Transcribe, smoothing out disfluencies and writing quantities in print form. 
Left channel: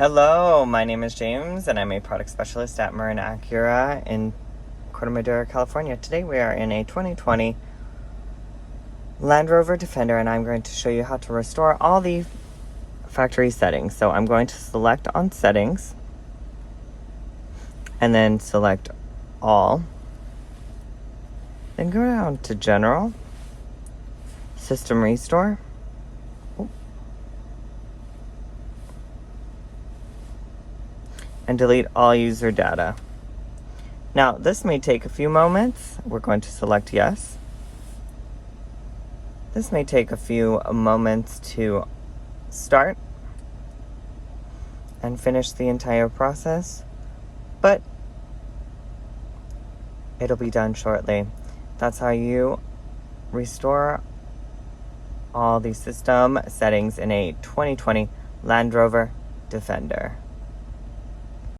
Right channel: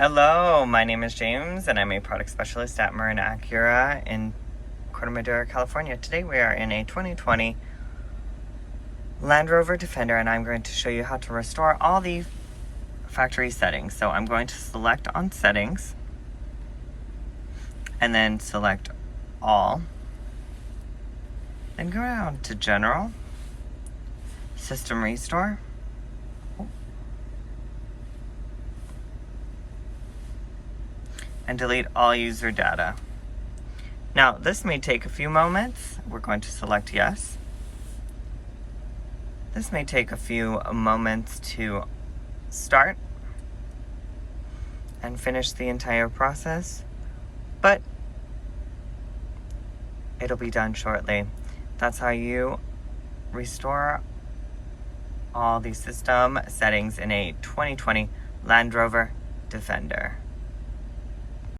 Hello, my name is James and I'm a product specialist at Marin Acura in Corte Madera, California. Today we are in a 2020 Land Rover Defender and I'm going to show you how to restore all the factory settings. So I'm going to select on settings and then select all. Then go down to general, system restore. And delete all user data. Now, this may take a few moments. We're going to select yes. This may take a few moments to start and finish the entire process, but it'll be done shortly. That's how you restore all the system settings in a 2020 Land Rover Defender.